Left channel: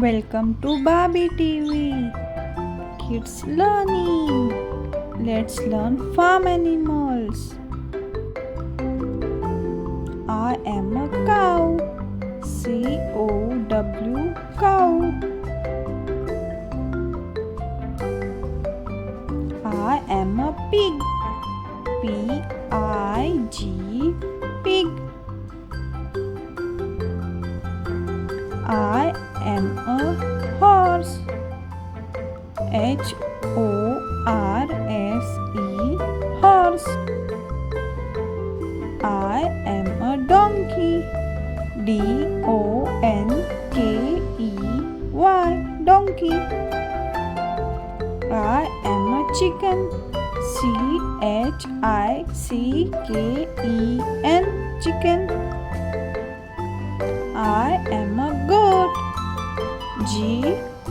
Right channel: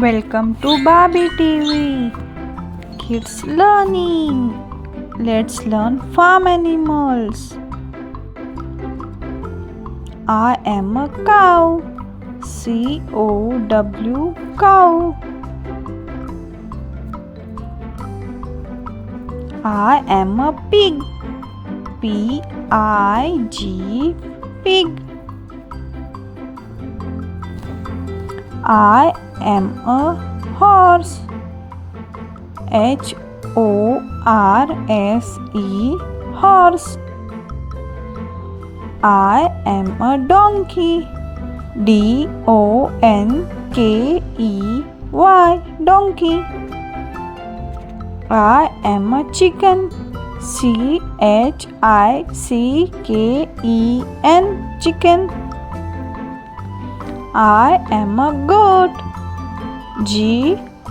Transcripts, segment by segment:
Welcome to BabiTv Kids Learning. Let's learn farm animals. I am a cow. C-O-W cow. I am a pig. P-I-G pig. I am a horse. H-O-R-S-E horse. I am a donkey. D-O-N-K-E-Y donkey. I am a chicken. C-H-I-C-K-E-N chicken. I am a goat. G-O-A-T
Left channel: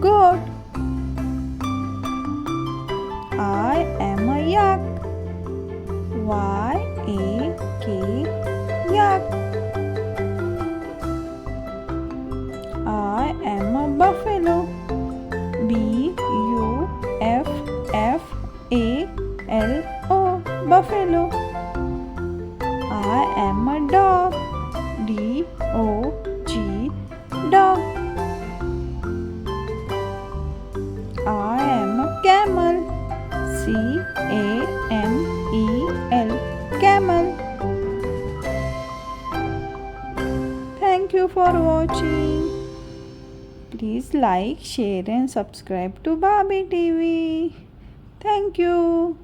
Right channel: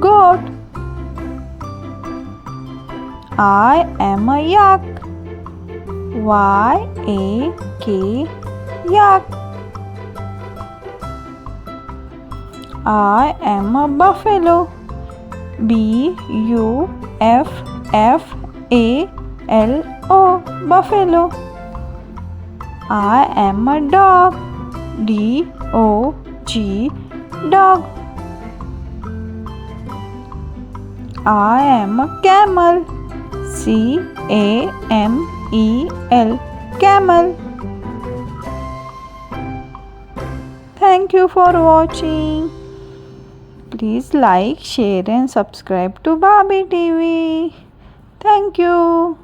goat. I am a yak. Y-A-K yak. I am a buffalo. B-U-F-F-A-L-O buffalo. I am a dog. D-O-G dog. I am a camel. C-A-M-E-L camel. Thank you for watching. Please like, share and subscribe to BabiTv. Thank you.